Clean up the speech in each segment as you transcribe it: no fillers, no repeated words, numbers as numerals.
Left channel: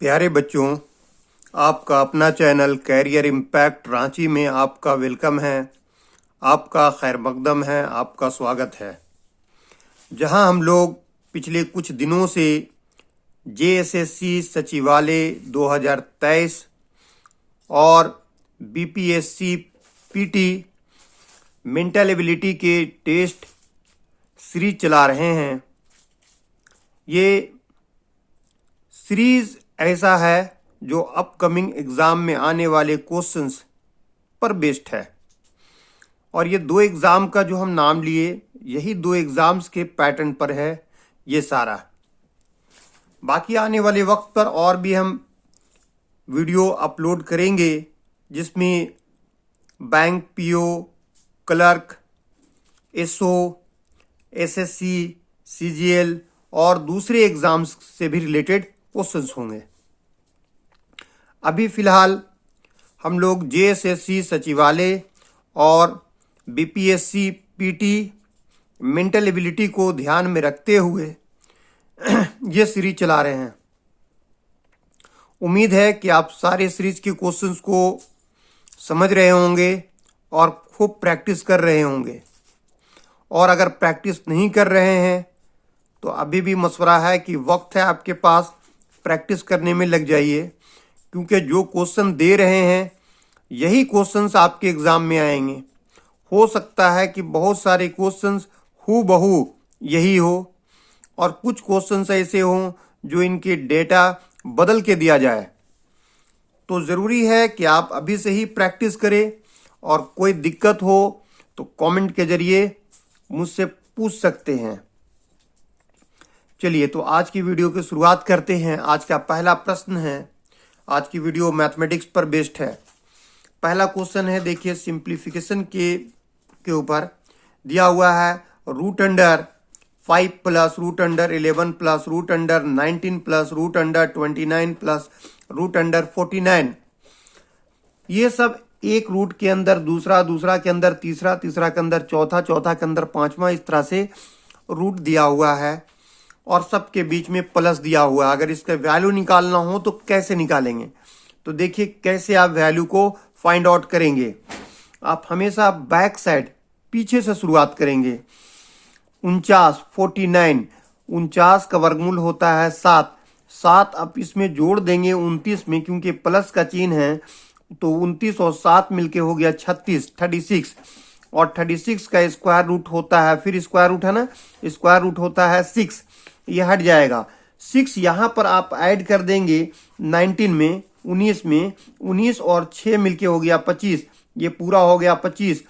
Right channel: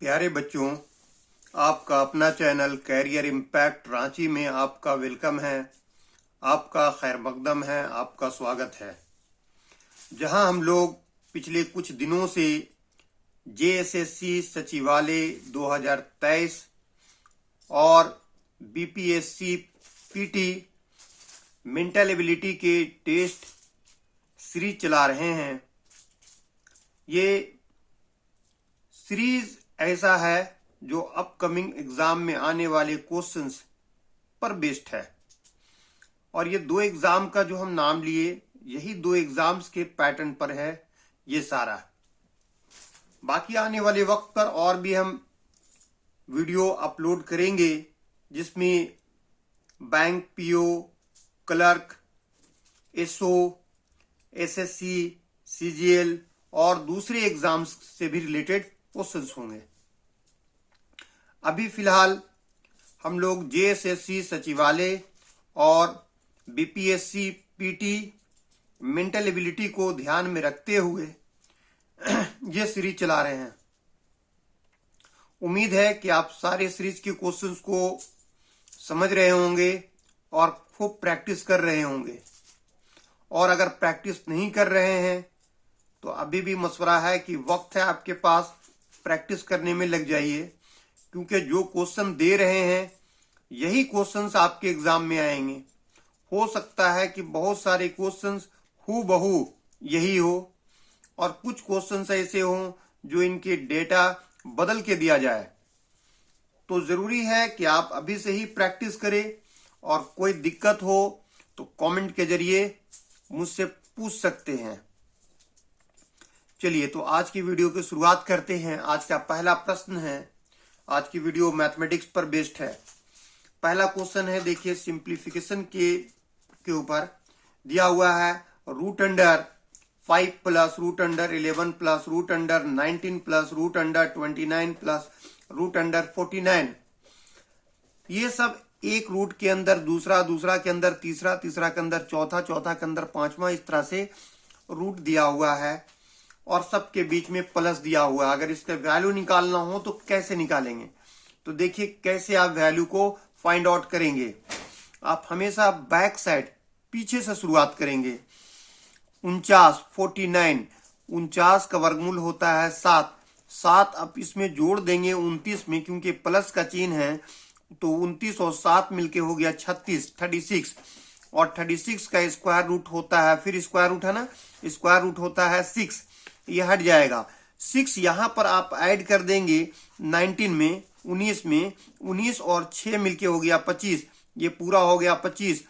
प्यारे बच्चों, आपका अपना चैनल कैरियर इम्पैक्ट रांची में आपका वेलकम है। आपका खैर मकदम है, आपका स्वागत है। जहां हम लोग पिछले कुछ दिनों से जेएसएससी सचिवालय 2023 और बीपीएससी पीटी मेंटल एबिलिटी के टेस्ट सीरीज चला रहे हैं। ये सीरीज ऐसा है जो अपकमिंग एग्जाम में आने वाले क्वेश्चंस पर बेस्ड है, और ये दो एग्जाम का जो हम नाम लिए, यही दो एग्जाम्स के पैटर्न पर है ये सारा। बाकी आने वाले वक्त पर और भी हम वीडियो अपलोड करेंगे, जिसमें bank PO, clerk, SO, SSC, CGL और दूसरे एग्जाम्स से भी रिलेटेड क्वेश्चंस होंगे। अभी फिलहाल हम लोग जेएसएससी सचिवालय और बीपीएससी पीटी मेंटल एबिलिटी को ध्यान में रखते हुए ये सीरीज चला रहे हैं। उम्मीद है कि आप सारे सीरीज के क्वेश्चंस को समझ रहे होंगे और खूब प्रैक्टिस कर रहे होंगे। और अगर प्रैक्टिस नहीं कर रहे हैं तो अभी भी मशवरा है कि वक्त है आपके पास, प्रैक्टिस करने में लग जाइए, क्योंकि जो क्वेश्चन दे रहे हैं यही क्वेश्चंस आपके एग्जाम में आएंगे। हो सकता है कि बहुत सारे क्वेश्चंस हूबहू यही हो, और कुछ क्वेश्चंस ऐसे हों जो इनके डेटा बदल के दिया जाए। तो ज़रूरी है कि आप अभी से ही प्रैक्टिस करें, और कोई दिक्कत हो तो कमेंट के जरिए मुझसे पूछ सकते हैं। चलिए, तो आज की वीडियो की शुरुआत करते हैं। आज का पहला प्रश्न है, आज की वीडियो मैथमेटिक्स पर बेस्ड है। पहला क्वेश्चन है, देखिए, सिंप्लीफिकेशन के ऊपर दिया हुआ है। Root under 5 plus root under 11 plus root under 19 plus root under 29 plus root under 49। ये सब एक रूट के अंदर दूसरा, दूसरा के अंदर तीसरा, तीसरा के अंदर चौथा, चौथा के अंदर पांचवा, इस तरह से रूट दिया हुआ है, और सबके बीच में प्लस दिया हुआ है। अगर इसका वैल्यू निकालना हो तो कैसे निकालेंगे? तो देखिए कैसे आप वैल्यू को फाइंड आउट करेंगे। आप हमेशा बैक साइड, पीछे से शुरुआत करेंगे। 49 49, 49 का वर्गमूल होता है 7। 7 आप इसमें जोड़ देंगे 29 में, क्योंकि प्लस का चिन्ह है, तो 29 और 7 मिलके हो गया 36। और 36 का स्क्वायर रूट होता है, फिर स्क्वायर रूट है ना, स्क्वायर रूट होता है 6, ये हट जाएगा। 6 यहां पर आप ऐड कर देंगे 19 में, 19 में, 19 और 6 मिलके हो गया 25, ये पूरा हो गया 25।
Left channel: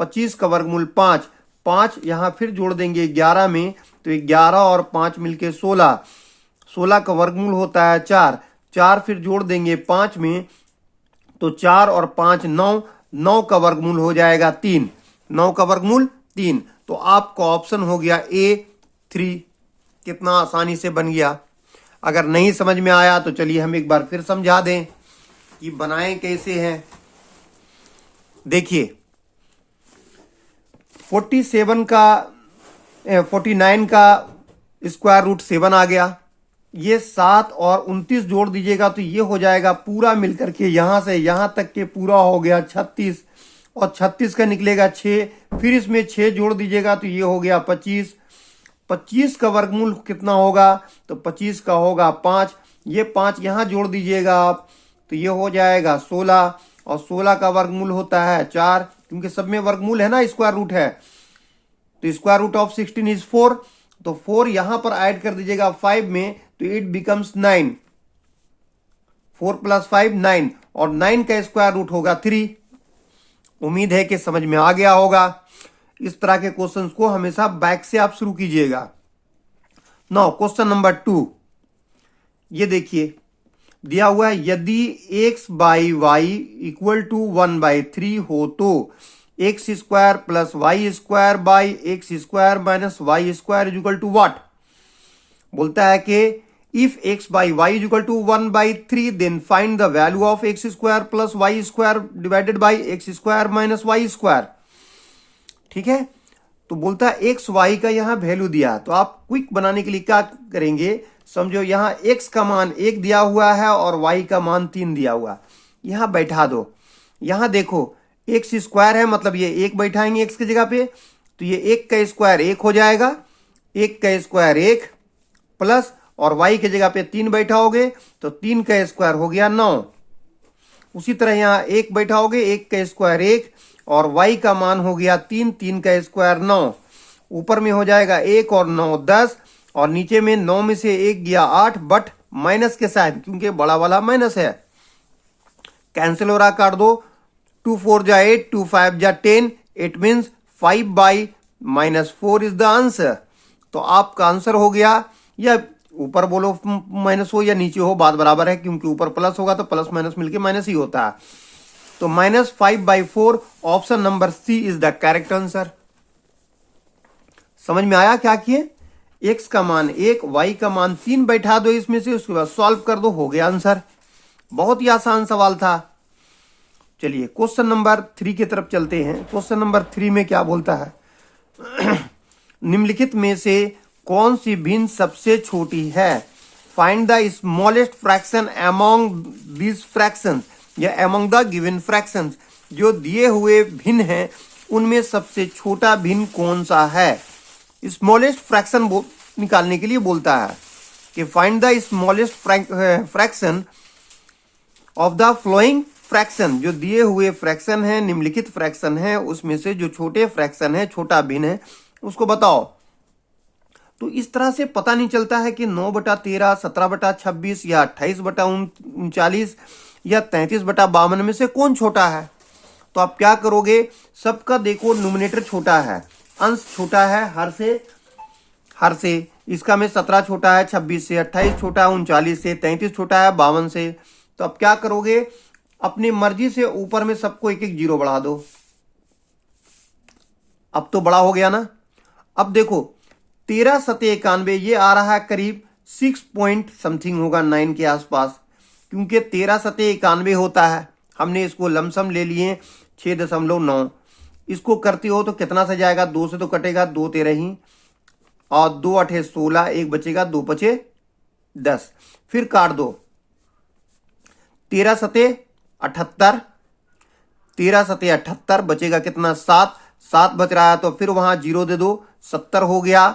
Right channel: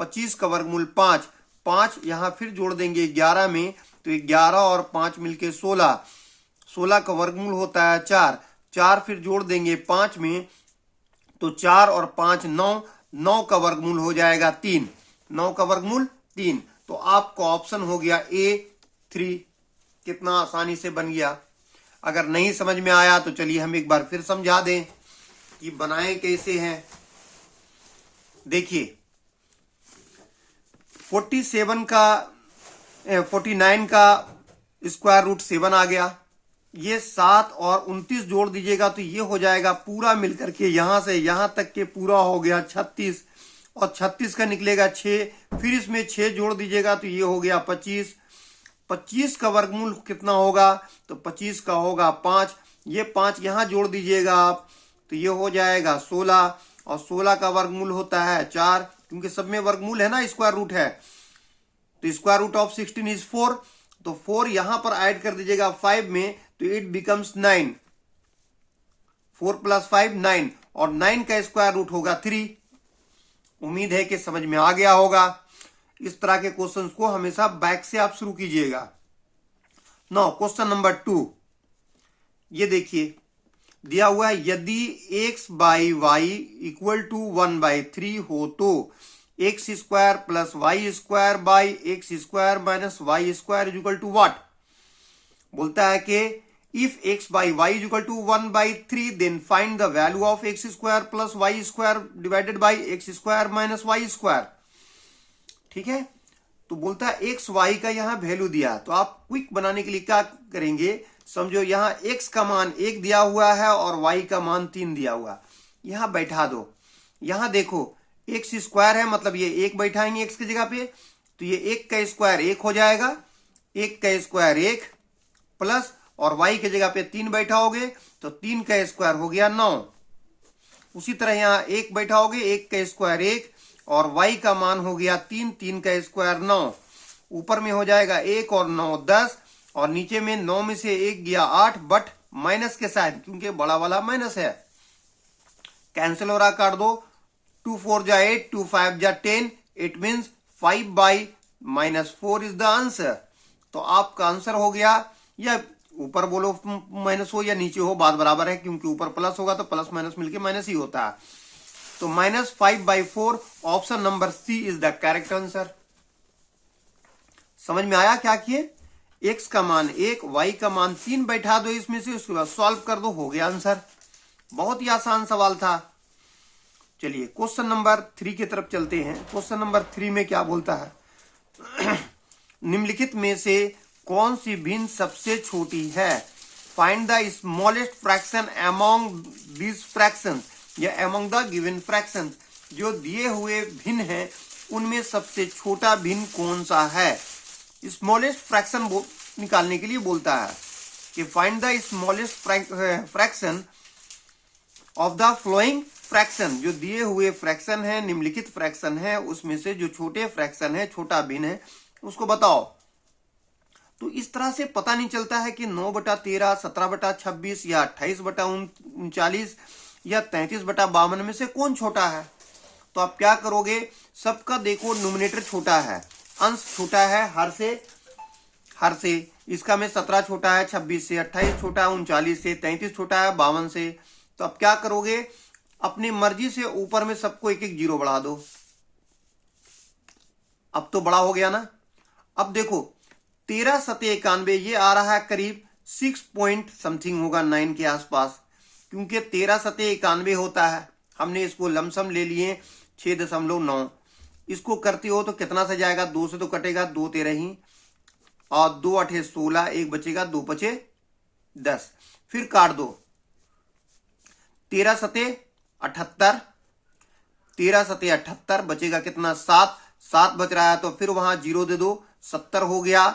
25 का वर्गमूल 5, 5 यहां फिर जोड़ देंगे 11 में, तो 11 और 5 मिलके 16, 16 का वर्गमूल होता है 4, 4 फिर जोड़ देंगे 5 में, तो 4 और 5 9, 9 का वर्गमूल हो जाएगा 3, 9 का वर्गमूल 3। तो आपका ऑप्शन हो गया A3। कितना आसानी से बन गया। अगर नहीं समझ में आया तो चलिए हम एक बार फिर समझा दें कि बनाएं कैसे हैं। देखिए, 49 का स्क्वायर रूट 7 आ गया। ये 7 और 29 जोड़ दीजिएगा तो ये हो जाएगा पूरा मिलकर के यहां से यहां तक के पूरा हो गया 36, और 36 का निकलेगा 6, फिर इसमें 6 जोड़ दीजिएगा तो ये हो गया 25। 25 का वर्गमूल कितना होगा? तो 25 का होगा 5, ये 5 यहां जोड़ दीजिएगा आप, तो ये हो जाएगा 16, और 16 का वर्गमूल होता है 4, क्योंकि सब में वर्गमूल है ना, स्क्वायर रूट है। तो स्क्वायर रूट ऑफ 16 इज 4, तो 4 यहां पर ऐड कर दीजिएगा 5 में, तो इट बिकम्स 9। 4 प्लस 5 9, और 9 का स्क्वायर रूट होगा 3। उम्मीद है कि समझ में आ गया होगा। इस तरह के क्वेश्चंस को हमेशा बैक से आप शुरू कीजिएगा। नाउ क्वेश्चन नंबर 2, ये देखिए दिया हुआ है, यदि x by y equal to 1/3 हो तो x square plus y square by x square minus y square is equal to what? बोलता है कि if x by y is equal to 1/3 then find the value of x square plus y square divided by x square minus y square. ठीक है, तो बोलता है x Y का यहां वैल्यू दिया, तो आप क्विक बनाने के लिए क्या करेंगे, समझो यहाँ x का मान 1 दिया हुआ है और y का मान 3 दिया हुआ, यहाँ बैठा दो। यहाँ देखो x स्क्वायर है, मतलब ये 1 बैठाएंगे x की जगह पे, तो ये 1 का स्क्वायर 1 हो जाएगा, 1 का स्क्वायर 1 प्लस, और y की जगह पे 3 बैठाओगे तो 3 का स्क्वायर हो गया 9। उसी तरह यहाँ 1 बैठाओगे, 1 का स्क्वायर 1 और y का मान हो गया 3, 3 का स्क्वायर 9। ऊपर में हो जाएगा 1 और 9 10, और नीचे में 9 में से 1 गया 8, बट माइनस के साथ क्योंकि बड़ा वाला माइनस है, कैंसिल हो रहा, काट दो। 2 4 जा 8, 2 5 जा 10, it means 5/-4 is the answer. तो आपका आंसर हो गया, या ऊपर बोलो माइनस हो या नीचे हो, बात बराबर है, क्योंकि ऊपर प्लस होगा तो प्लस माइनस मिलके माइनस ही होता है। तो -5/4 option number C is the correct answer. समझ में आया क्या किए? x का मान 1, y का मान 3 बैठा दो इसमें से, उसके बाद सॉल्व कर दो, हो गया आंसर। बहुत ही आसान सवाल था। चलिए क्वेश्चन नंबर 3 की तरफ चलते हैं। क्वेश्चन नंबर 3 में क्या बोलता है? निम्नलिखित में से कौन सी भिन्न सबसे छोटी है? Find the smallest fraction among this fractions, या अमॉन्ग द गिवन फ्रैक्शंस। जो दिए हुए भिन्न हैं उनमें सबसे छोटा भिन्न कौन सा है? स्मॉलेस्ट फ्रैक्शन निकालने के लिए बोलता है कि find the smallest fraction of the flowing fraction. जो दिए हुए फ्रैक्शन है, निम्नलिखित फ्रैक्शन है, उसमें से जो छोटे फ्रैक्शन है, छोटा भिन्न है, उसको बताओ। तो इस तरह से पता नहीं चलता है कि 9/13, 17/26 या 28/39 या 33/52 में से कौन छोटा है। तो आप क्या करोगे? सबका देखो न्यूमरेटर छोटा है, अंश छोटा है, हर से इसका में 17 छोटा है 26 से, 28 छोटा है 39 से, 33 छोटा है 52 से। तो अब क्या करोगे? अपनी मर्जी से ऊपर में सबको एक एक जीरो बढ़ा दो। अब तो बड़ा हो गया ना। अब देखो 13 सते 91, ये आ रहा है करीब 6 पॉइंट समथिंग होगा, 9 के आसपास, क्योंकि 13 सते 91 होता है। हमने इसको लमसम ले लिए 6.9। इसको करते हो तो कितना सा जाएगा? 2 से तो कटेगा, 2 13 ही, और 2 8 16, 1 बचेगा, 2 5 10, फिर काट दो। 13 सते 78, 13 सते 78 बचेगा कितना? 7, 7 बच रहा है तो फिर वहां जीरो दे दो, 70 हो गया।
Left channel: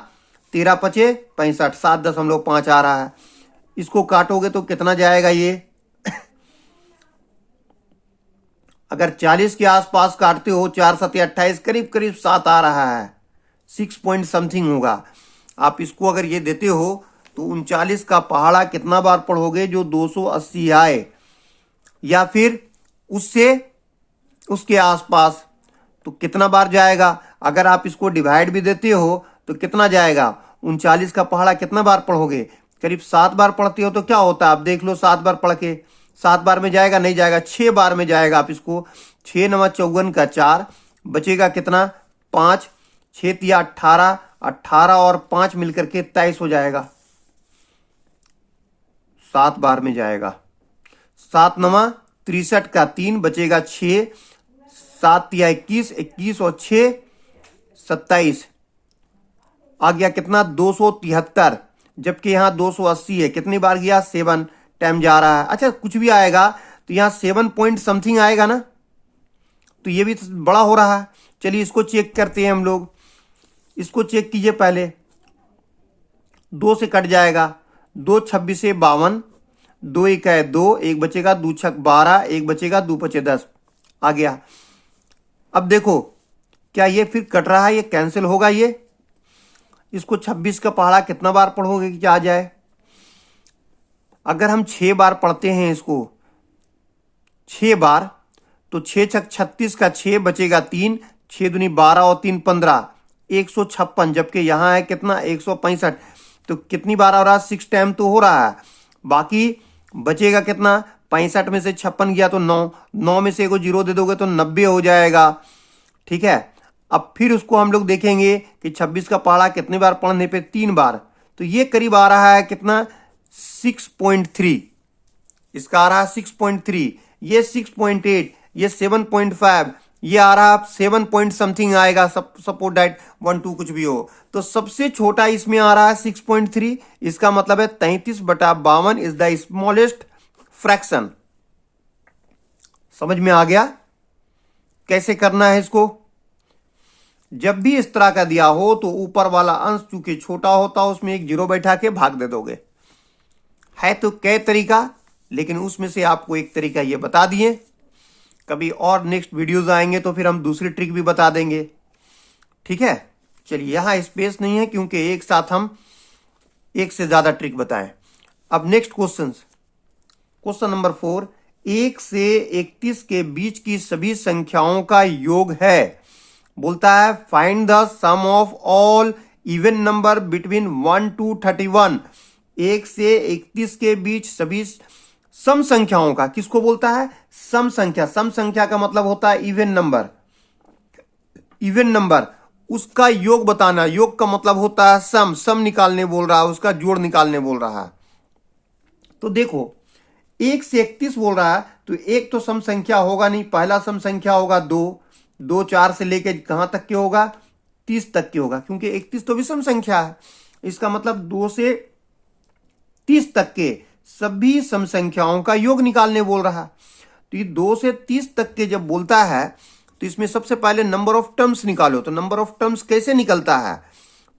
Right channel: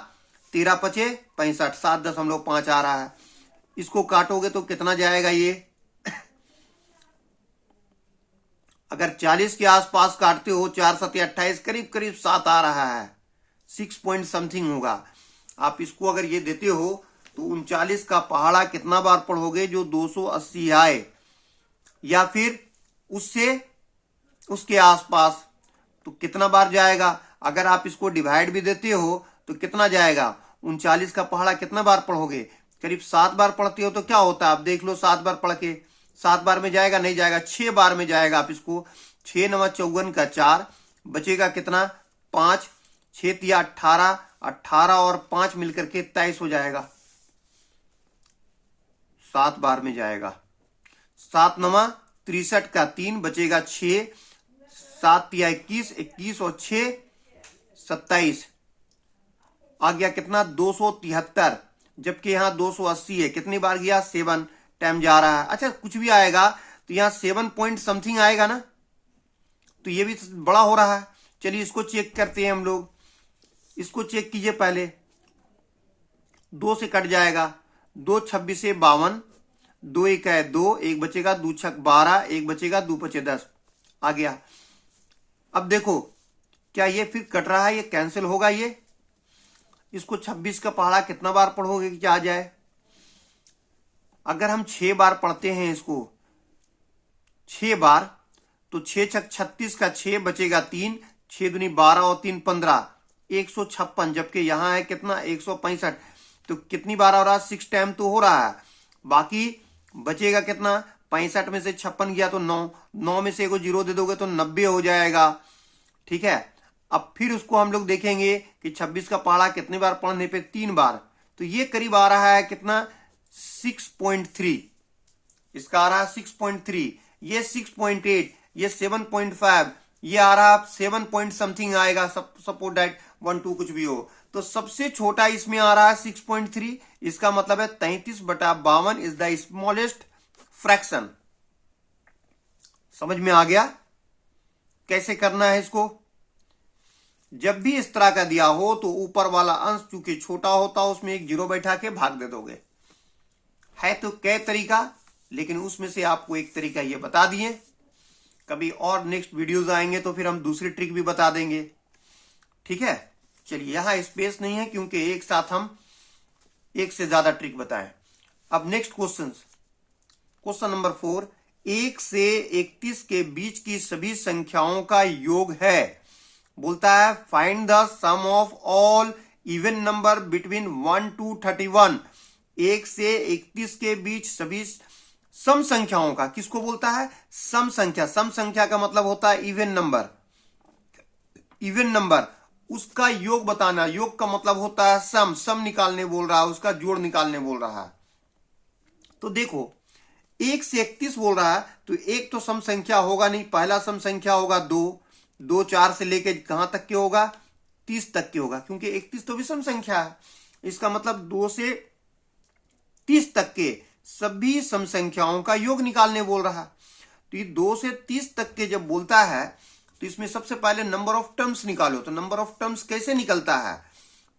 13 5 65, 7.5 आ रहा है। इसको काटोगे तो कितना जाएगा ये? अगर 40 के आसपास काटते हो, 4 सते 28, करीब करीब 7 आ रहा है, 6 पॉइंट समथिंग होगा। आप इसको अगर ये देते हो तो 39 का पहाड़ा कितना बार पढ़ोगे? जो 280 आए, या फिर उससे उसके आसपास, तो कितना बार जाएगा? अगर आप इसको डिवाइड भी देते हो तो कितना जाएगा? 39 का पहाड़ा कितना बार पढ़ोगे? करीब 7 बार पढ़ते हो तो क्या होता है? आप देख लो, 7 बार पढ़ के 7 बार में जाएगा? नहीं जाएगा, 6 बार में जाएगा। आप इसको 6 9 54 का 4 बचेगा कितना? 5, 6 3 18, 18 और 5 मिलकर के 23 हो जाएगा। 7 बार में जाएगा। 7 9 63 का 3 बचेगा 6, 7 3 21, 21 और 6 27, आ गया कितना? 273, जबकि यहाँ 280 है। कितनी बार गया? 7 टाइम जा रहा है। अच्छा, कुछ भी आएगा तो यहाँ 7 पॉइंट समथिंग आएगा ना, तो ये भी बड़ा हो रहा है। चलिए इसको चेक करते हैं हम लोग। इसको चेक कीजिए पहले। 2 से कट जाएगा, 2 26 से 52, 2 1 है 2, 1 बचेगा, 2 6 12, 1 बचेगा, 2 5 10 आ गया। अब देखो क्या ये फिर कट रहा है? ये कैंसिल होगा ये। इसको 26 का पहाड़ा कितना बार पढ़ोगे कि क्या आ जाए? अगर हम 6 बार पढ़ते हैं इसको, 6 बार, तो 6 6 36 का 6 बचेगा 3, 6 दूनी 12 और 3 15, 156, जबकि यहाँ है कितना? 165। तो कितनी बार आ रहा है? 6 टाइम तो हो रहा है। बाकी बचेगा कितना? 65 में से 56 गया तो 9, 9 में से एगो जीरो दे दोगे तो 90 हो जाएगा। ठीक है, अब फिर उसको हम लोग देखेंगे कि 26 का पहाड़ा कितनी बार पढ़ने पे? 3 बार। तो ये करीब आ रहा है कितना? 6.3। इसका आ रहा है 6.3, ये 6.8, ये 7.5, ये आ रहा 7 पॉइंट समथिंग आएगा, सपोज दैट 1 2 कुछ भी हो। तो सबसे छोटा इसमें आ रहा है 6.3, इसका मतलब है 33/52 इज द स्मॉलेस्ट फ्रैक्शन। समझ में आ गया कैसे करना है इसको? जब भी इस तरह का दिया हो तो ऊपर वाला अंश चूंकि छोटा होता है उसमें एक जीरो बैठा के भाग दे दोगे। है तो कई तरीका, लेकिन उसमें से आपको एक तरीका ये बता दिए। कभी और नेक्स्ट वीडियोस आएंगे तो फिर हम दूसरी ट्रिक भी बता देंगे। ठीक है, चलिए यहां स्पेस नहीं है क्योंकि एक साथ हम एक से ज्यादा ट्रिक बताएं। अब नेक्स्ट क्वेश्चन नंबर 4, 1 से 31 के बीच की सभी संख्याओं का योग है। बोलता है find the sum of all even number between 1 to 31। 1 से 31 के बीच सभी सम संख्याओं का, किसको बोलता है? सम संख्या। सम संख्या का मतलब होता है इवन नंबर। इवन नंबर उसका योग बताना। योग का मतलब होता है सम। सम निकालने बोल रहा है, उसका जोड़ निकालने बोल रहा है। तो देखो 1 से 31 बोल रहा है तो एक तो सम संख्या होगा नहीं। पहला सम संख्या होगा 2। 2 4 से लेके कहां तक के होगा? 30 तक के होगा, क्योंकि 31 तो विषम संख्या है। इसका मतलब 2 से 30 तक के सभी सम संख्याओं का योग निकालने बोल रहा। तो ये 2 से 30 तक के जब बोलता है तो इसमें सबसे पहले नंबर ऑफ टर्म्स निकालो। तो नंबर ऑफ टर्म्स कैसे निकलता है?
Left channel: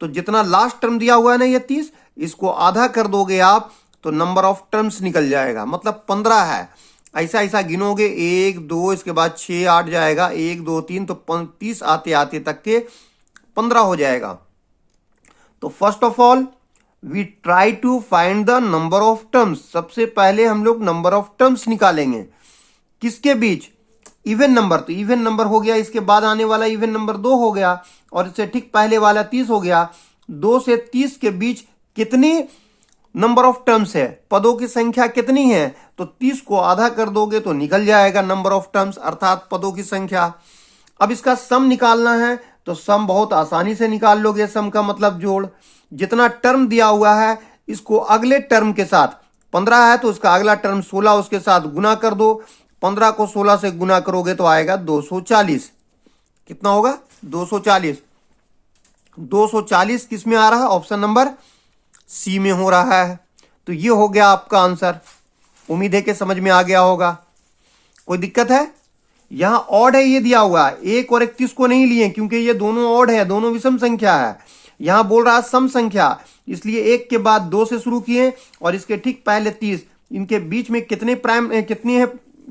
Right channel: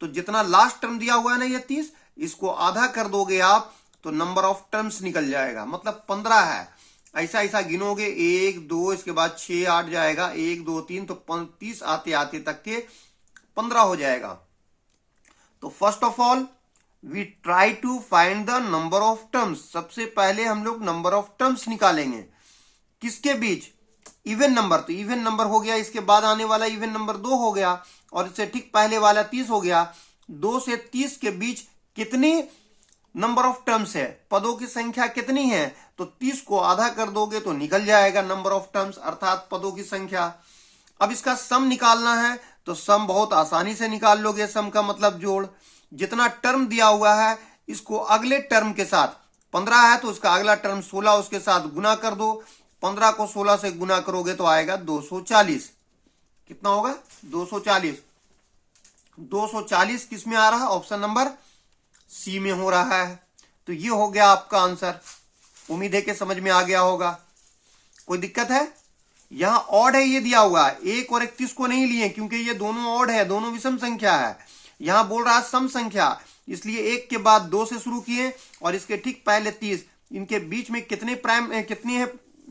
तो जितना लास्ट टर्म दिया हुआ है ना ये 30, इसको आधा कर दोगे आप तो नंबर ऑफ टर्म्स निकल जाएगा, मतलब 15 है। ऐसा ऐसा गिनोगे 1 2 इसके बाद 6 8 जाएगा, 1 2 3 तो 30 आते आते तक के 15 हो जाएगा। तो first of all we try to find the number of terms. सबसे पहले हम लोग नंबर ऑफ टर्म्स निकालेंगे। किसके बीच? Even number. तो इवन नंबर हो गया, इसके बाद आने वाला इवन नंबर 2 हो गया, और इससे ठीक पहले वाला 30 हो गया। 2 से 30 के बीच कितनी नंबर ऑफ टर्म्स है? पदों की संख्या कितनी है? तो 30 को आधा कर दोगे तो निकल जाएगा नंबर ऑफ टर्म्स, अर्थात पदों की संख्या। अब इसका सम निकालना है तो सम बहुत आसानी से निकाल लोगे। सम का मतलब जोड़। जितना टर्म दिया हुआ है इसको अगले टर्म के साथ, 15 है तो उसका अगला टर्म 16 उसके साथ गुना कर दो। 15 को 16 से गुना करोगे तो आएगा 240। कितना होगा? 240। 240 किस में आ रहा है? ऑप्शन नंबर सी में हो रहा है। तो ये हो गया आपका आंसर। उम्मीद है कि समझ में आ गया होगा। कोई दिक्कत है? यहां ऑड है ये दिया हुआ है। 1 और 31 को नहीं लिए क्योंकि ये दोनों ऑड है, दोनों विषम संख्या है। यहां बोल रहा है सम संख्या, इसलिए 1 के बाद 2 से शुरू किए और इसके ठीक पहले 30। इनके बीच में कितनी है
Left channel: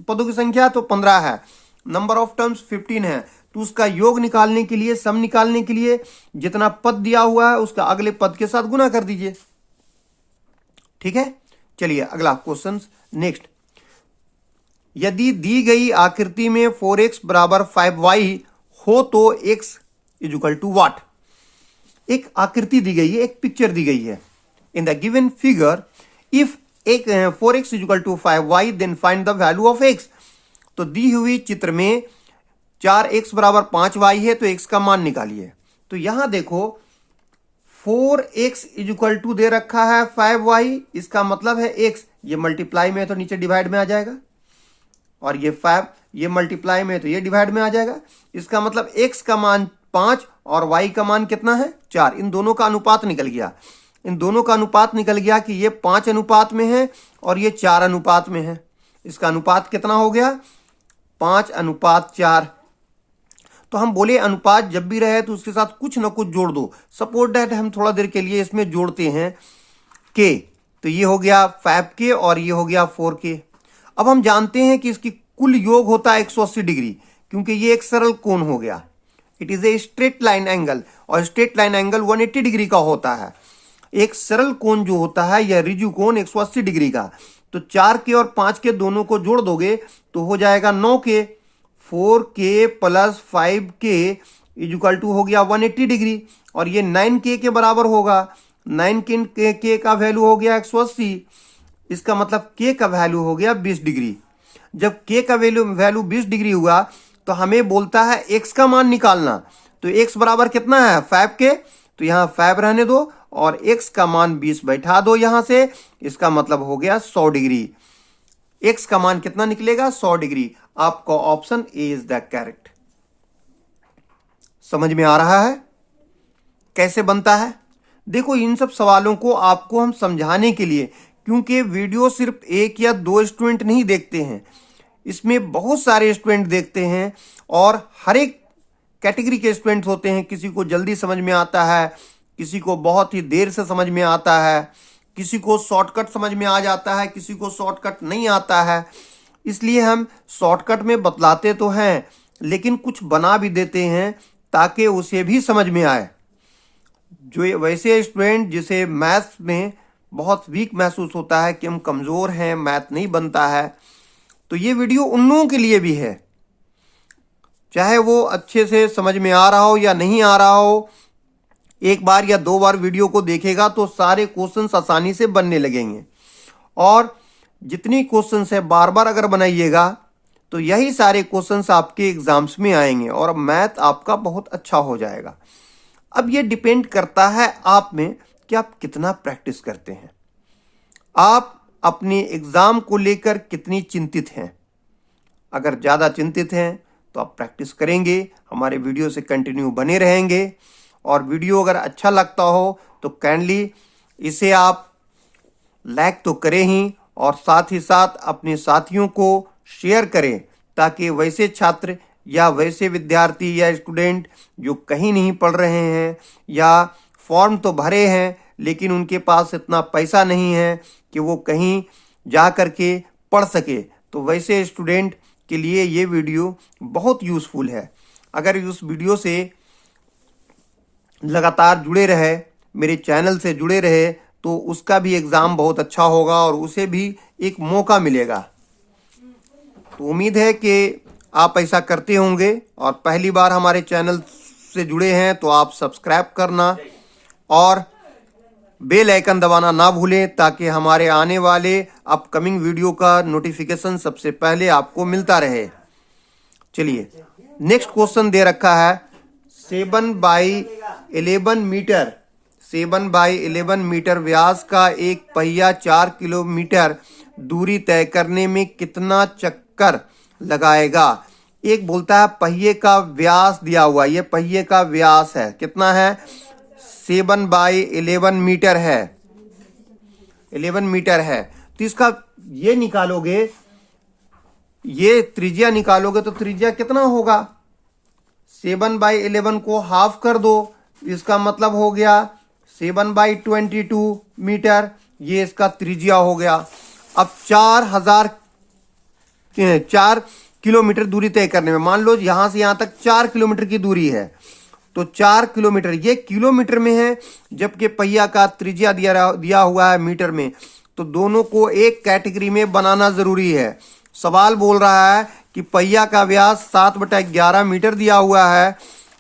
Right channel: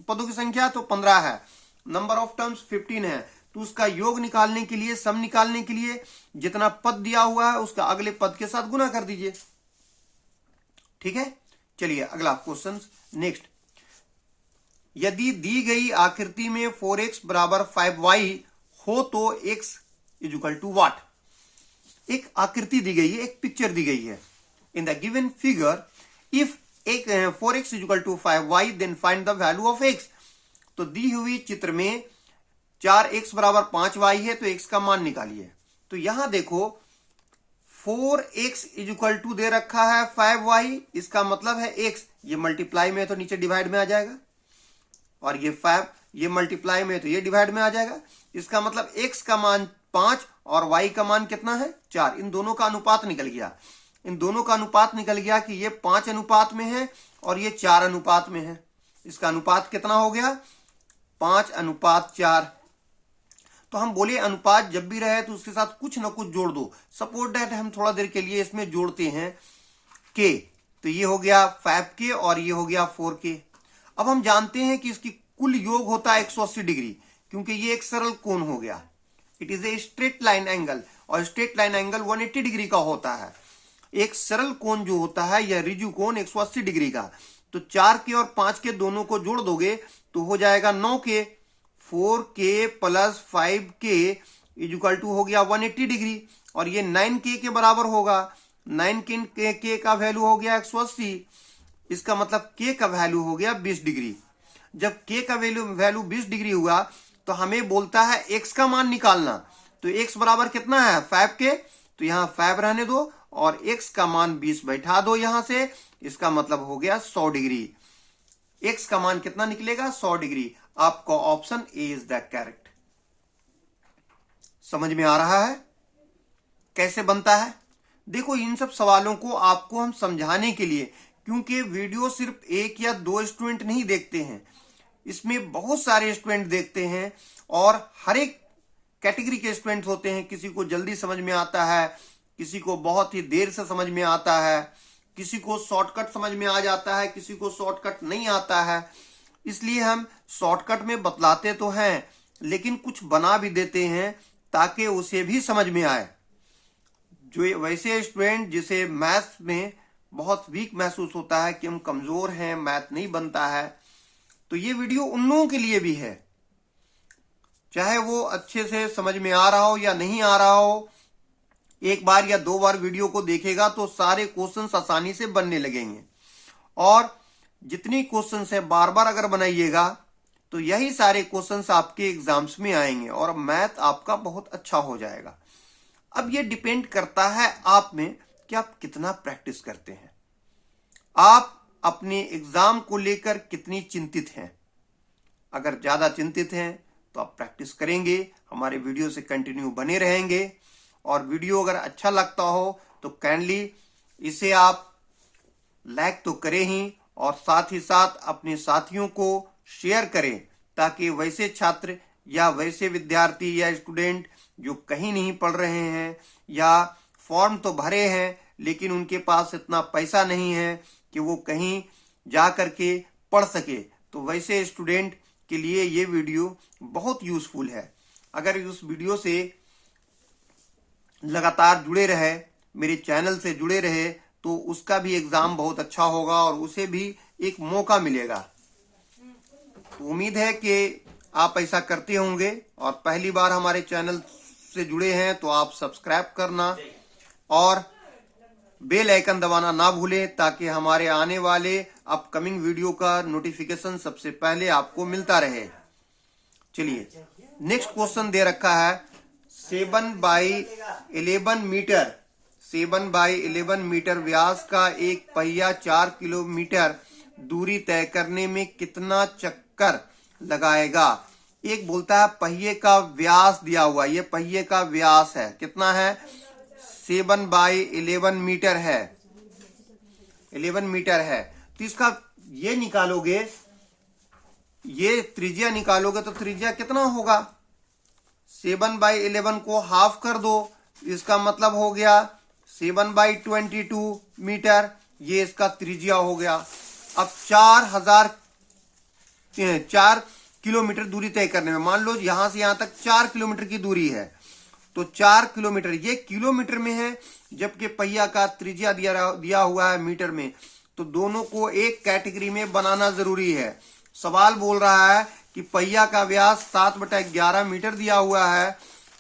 पदों की संख्या? तो 15 है। नंबर ऑफ टर्म्स 15 है। तो उसका योग निकालने के लिए, सम निकालने के लिए जितना पद दिया हुआ है उसका अगले पद के साथ गुना कर दीजिए। ठीक है, चलिए अगला क्वेश्चन नेक्स्ट। यदि दी गई आकृति में 4x बराबर 5y हो तो x is equal to what? एक आकृति दी गई है, एक पिक्चर दी गई है। In the given figure if 4x is equal to 5y then find the value of x। तो दी हुई चित्र में 4x बराबर 5y है तो x का मान निकालिए। तो यहां देखो 4x इज इक्वल टू दे रखा है 5y, इसका मतलब है x। ये मल्टीप्लाई में है तो नीचे डिवाइड में आ जाएगा, और ये 5 ये मल्टीप्लाई में है तो ये डिवाइड में आ जाएगा। इसका मतलब x का मान 5 और y का मान कितना है? 4। इन दोनों का अनुपात निकल गया। इन दोनों का अनुपात निकल गया कि ये 5 अनुपात में है और ये 4 अनुपात में है। इसका अनुपात कितना हो गया? 5:4। तो हम बोले अनुपात जब भी रहे तो उसके साथ कुछ ना कुछ जोड़ दो। सपोज दैट हम थोड़ा देर के लिए इसमें जोड़ते हैं k। तो ये हो गया 5k और ये हो गया 4k। अब हम जानते हैं कि इसकी कुल योग होता है 180 डिग्री, क्योंकि ये एक सरल कोण हो गया। It is a straight line angle, और स्ट्रेट लाइन एंगल 180 डिग्री का होता है। एक सरल कोण जो होता है यह रिजु कोण 180 डिग्री का। तो 4k और 5k दोनों को जोड़ दोगे तो हो जाएगा 9k। 4k plus 5k is equal to हो गया 180 डिग्री, और ये 9k के बराबर होगा। 9k का वैल्यू हो गया 180। इसका मतलब k का वैल्यू हो गया 20 डिग्री। जब k का वैल्यू 20 डिग्री हुआ तो हमें बोलता है x का मान निकालना। तो x बराबर कितना है? 5k। तो यहां 5 रहने दो और x का मान 20 बैठा दो यहां से। इसका मतलब हो गया 100 डिग्री। x का मान कितना निकलेगा? 100 डिग्री। आपका option A is the correct. समझ में आ रहा है कैसे बनता है? देखो, इन सब सवालों को आपको हम समझाने के लिए, क्योंकि वीडियो सिर्फ एक या दो स्टूडेंट नहीं देखते हैं, इसमें बहुत सारे स्टूडेंट देखते हैं और हर एक कैटेगरी के स्टूडेंट होते हैं। किसी को जल्दी समझ में आता है, किसी को बहुत ही देर से समझ में आता है, किसी को शॉर्टकट समझ में आ जाता है, किसी को शॉर्टकट नहीं आता है। इसलिए हम शॉर्टकट में बतलाते तो हैं, लेकिन कुछ बना भी देते हैं ताकि उसे भी समझ में आए। जो वैसे स्टूडेंट जिसे मैथ्स में बहुत वीक महसूस होता है कि हम कमज़ोर हैं, मैथ नहीं बनता है, तो ये वीडियो उन लोगों के लिए भी है। चाहे वो अच्छे से समझ में आ रहा हो या नहीं आ रहा हो, एक बार या दो बार वीडियो को देखेगा तो सारे क्वेश्चंस आसानी से बनने लगेंगे। और जितनी क्वेश्चंस है बार बार अगर बनाइएगा तो यही सारे क्वेश्चंस आपके एग्जाम्स में आएंगे और मैथ आपका बहुत अच्छा हो जाएगा। अब ये डिपेंड करता है आप में कि आप कितना प्रैक्टिस करते हैं, आप अपने एग्जाम को लेकर कितनी चिंतित हैं। अगर ज़्यादा चिंतित हैं तो आप प्रैक्टिस करेंगे, हमारे वीडियो से कंटिन्यू बने रहेंगे। और वीडियो अगर अच्छा लगता हो तो काइंडली इसे आप लाइक तो करें ही, और साथ ही साथ अपने साथियों को शेयर करें, ताकि वैसे छात्र या वैसे विद्यार्थी या स्टूडेंट जो कहीं नहीं पढ़ रहे हैं या फॉर्म तो भरे हैं लेकिन उनके पास इतना पैसा नहीं है कि वो कहीं जा कर के पढ़ सके, तो वैसे स्टूडेंट के लिए ये वीडियो बहुत यूज़फुल है। अगर उस वीडियो से लगातार जुड़े रहे, मेरे चैनल से जुड़े रहे, तो उसका भी एग्ज़ाम बहुत अच्छा होगा और उसे भी एक मौका मिलेगा। तो उम्मीद है कि आप ऐसा करते होंगे। और पहली बार हमारे चैनल से जुड़े हैं तो आप सब्सक्राइब करना और बेल आइकन दबाना ना भूलें, ताकि हमारे आने वाले अपकमिंग वीडियो का नोटिफिकेशन सबसे पहले आपको मिलता रहे। चलिए, नेक्स्ट क्वेश्चन दे रखा है 7/11 मीटर। 7/11 मीटर व्यास का एक पहिया 4 किलोमीटर दूरी तय करने में कितना चक्कर लगाएगा? एक बोलता है पहिए का व्यास दिया हुआ, ये पहिए का व्यास है, कितना है? 7/11 मीटर है, 11 मीटर है। तो इसका ये निकालोगे, ये त्रिज्या निकालोगे तो त्रिज्या कितना होगा? 7/11 को हाफ कर दो, इसका मतलब हो गया 7/22 मीटर, ये इसका त्रिज्या हो गया। अब 4 किलोमीटर दूरी तय करने में, मान लो यहां से यहां तक 4 किलोमीटर की दूरी है, तो 4 किलोमीटर ये किलोमीटर में है, जबकि पहिया का त्रिज्या दिया हुआ है मीटर में। तो दोनों को एक कैटेगरी में बनाना जरूरी है। सवाल बोल रहा है कि पहिया का व्यास 7/11 मीटर दिया हुआ है,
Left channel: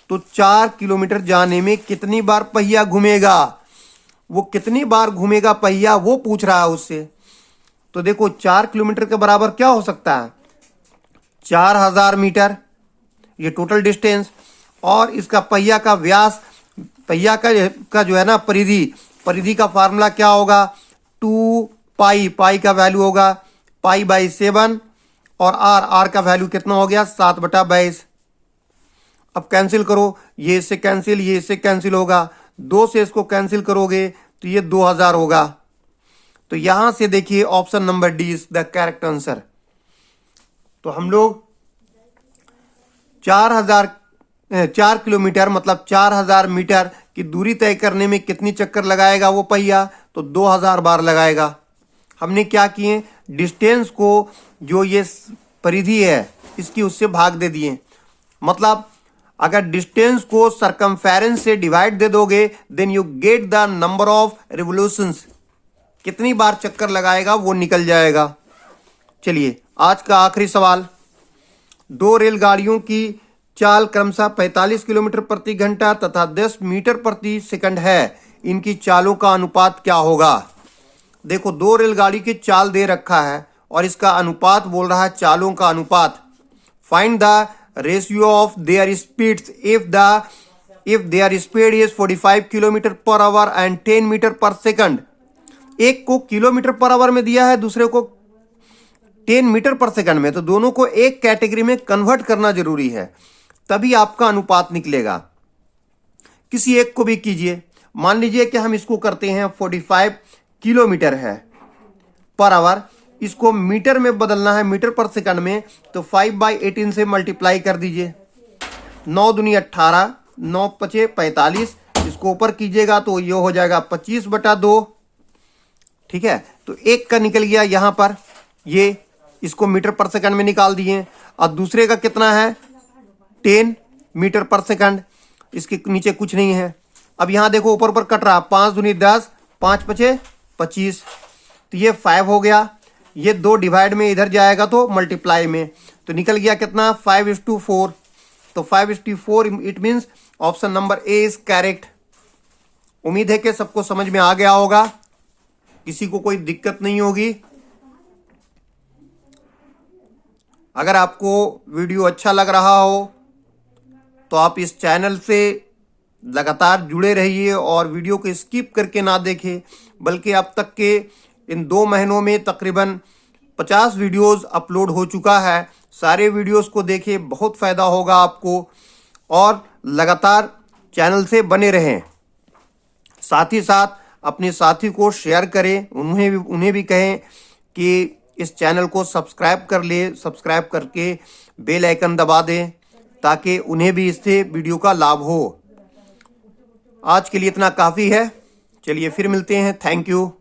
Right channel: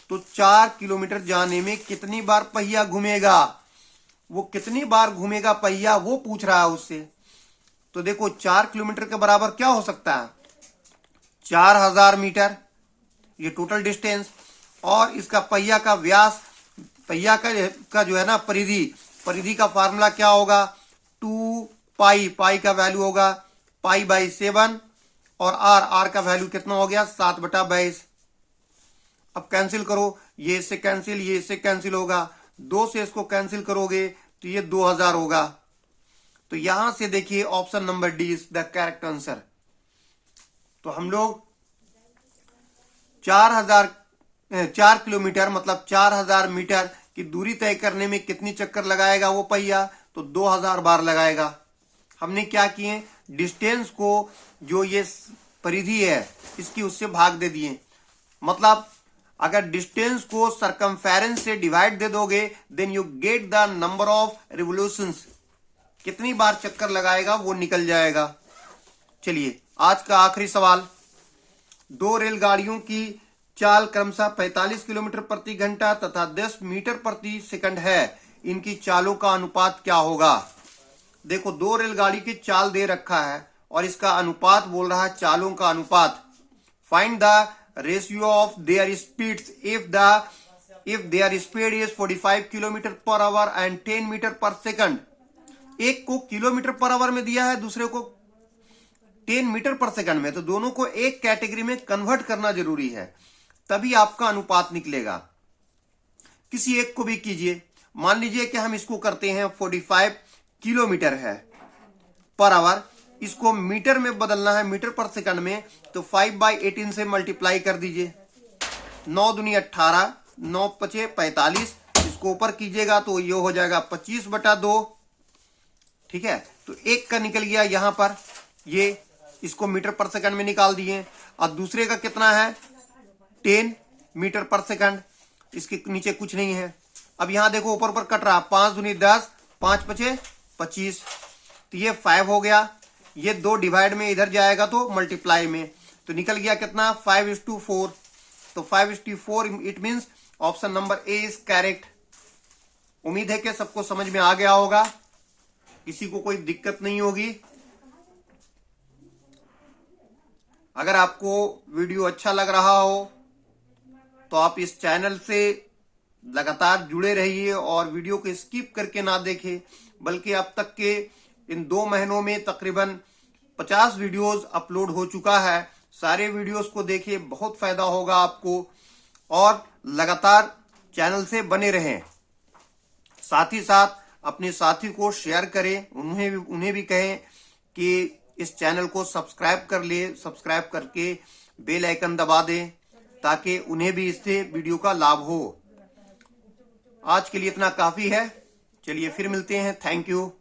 तो 4 किलोमीटर जाने में कितनी बार पहिया घूमेगा, वो कितनी बार घूमेगा पहिया, वो पूछ रहा है उससे। तो देखो 4 किलोमीटर के बराबर क्या हो सकता है? 4000 मीटर, ये टोटल डिस्टेंस, और इसका पहिया का व्यास, पहिया का जो है ना परिधि का फार्मूला क्या होगा? 2 पाई का वैल्यू होगा π/7, और आर का वैल्यू कितना हो गया? 7/22। अब कैंसिल करो, ये इससे कैंसिल, ये इससे कैंसिल होगा, 2 से इसको कैंसिल करोगे तो ये 2000 होगा। तो यहां से देखिए option number D is the correct answer. तो हम लोग 4 किलोमीटर मतलब 4000 मीटर की दूरी तय करने में कितनी चक्कर लगाएगा वो पहिया? तो 2000 बार लगाएगा। हमने क्या किए, डिस्टेंस को, जो ये परिधि है इसकी, उससे भाग दे दिए। मतलब अगर डिस्टेंस को सरकमफेरेंस से डिवाइड दे दोगे, then you get the number of revolutions, कितनी बार चक्कर लगाएगा वो निकल जाएगा। चलिए, आज का आखिरी सवाल। 2 रेलगाड़ियों की चाल क्रमशः 45 किलोमीटर प्रति घंटा तथा 10 मीटर प्रति सेकंड है, इनकी चालों का अनुपात क्या होगा? देखो, 2 रेलगाड़ी की चाल दे रखा है और इसका अनुपात बोल रहा है चालों का अनुपात। Find the ratio of their speeds if their speed is 45 kilometre per hour and 10 metre per second. एक को किलोमीटर पर आवर में दिया है, दूसरे को 10 मीटर पर सेकंड में, तो दोनों को एक कैटेगरी में कन्वर्ट करना जरूरी है, तभी आपका अनुपात निकलेगा। किसी एक को भी कीजिए। मान लीजिए कि हम इसको करते हैं 45 किलोमीटर है पर आवर, इसको मीटर में बदलना है, मीटर पर सेकंड में, तो 5/18 से मल्टीप्लाई कर दीजिए। 9 दूनी 18, 9 पचे 45, इसको ऊपर कीजिएगा तो ये हो जाएगा 25/2। ठीक है, तो एक का निकल गया यहां पर, ये इसको मीटर पर सेकंड में निकाल दिए। और दूसरे का कितना है 10 मीटर पर सेकंड, इसके नीचे कुछ नहीं है। अब यहां देखो ऊपर ऊपर कट रहा, 5 दूनी 10, 5 पचे 25, तो ये 5 हो गया। ये 2 डिवाइड में इधर जाएगा तो मल्टीप्लाई में, तो निकल गया कितना 5:4। तो 5:4 it means option number A is correct. उम्मीद है कि सबको समझ में आ गया होगा, किसी को कोई दिक्कत नहीं होगी। अगर आपको वीडियो अच्छा लग रहा हो तो आप इस चैनल से लगातार जुड़े रहिए और वीडियो को स्किप करके ना देखें, बल्कि अब तक के इन 2 महीनों में तकरीबन 50 वीडियोस अपलोड हो चुका है। सारे वीडियोस को देखें, बहुत फायदा होगा आपको, और लगातार चैनल से बने रहें। साथ ही साथ अपने साथी को शेयर करें, उन्हें भी कहें कि इस चैनल को सब्सक्राइब कर ले, सब्सक्राइब करके बेल आइकन दबा दें ताकि उन्हें भी इससे वीडियो का लाभ हो। आज के लिए इतना काफ़ी है, चलिए फिर मिलते हैं। Thank you.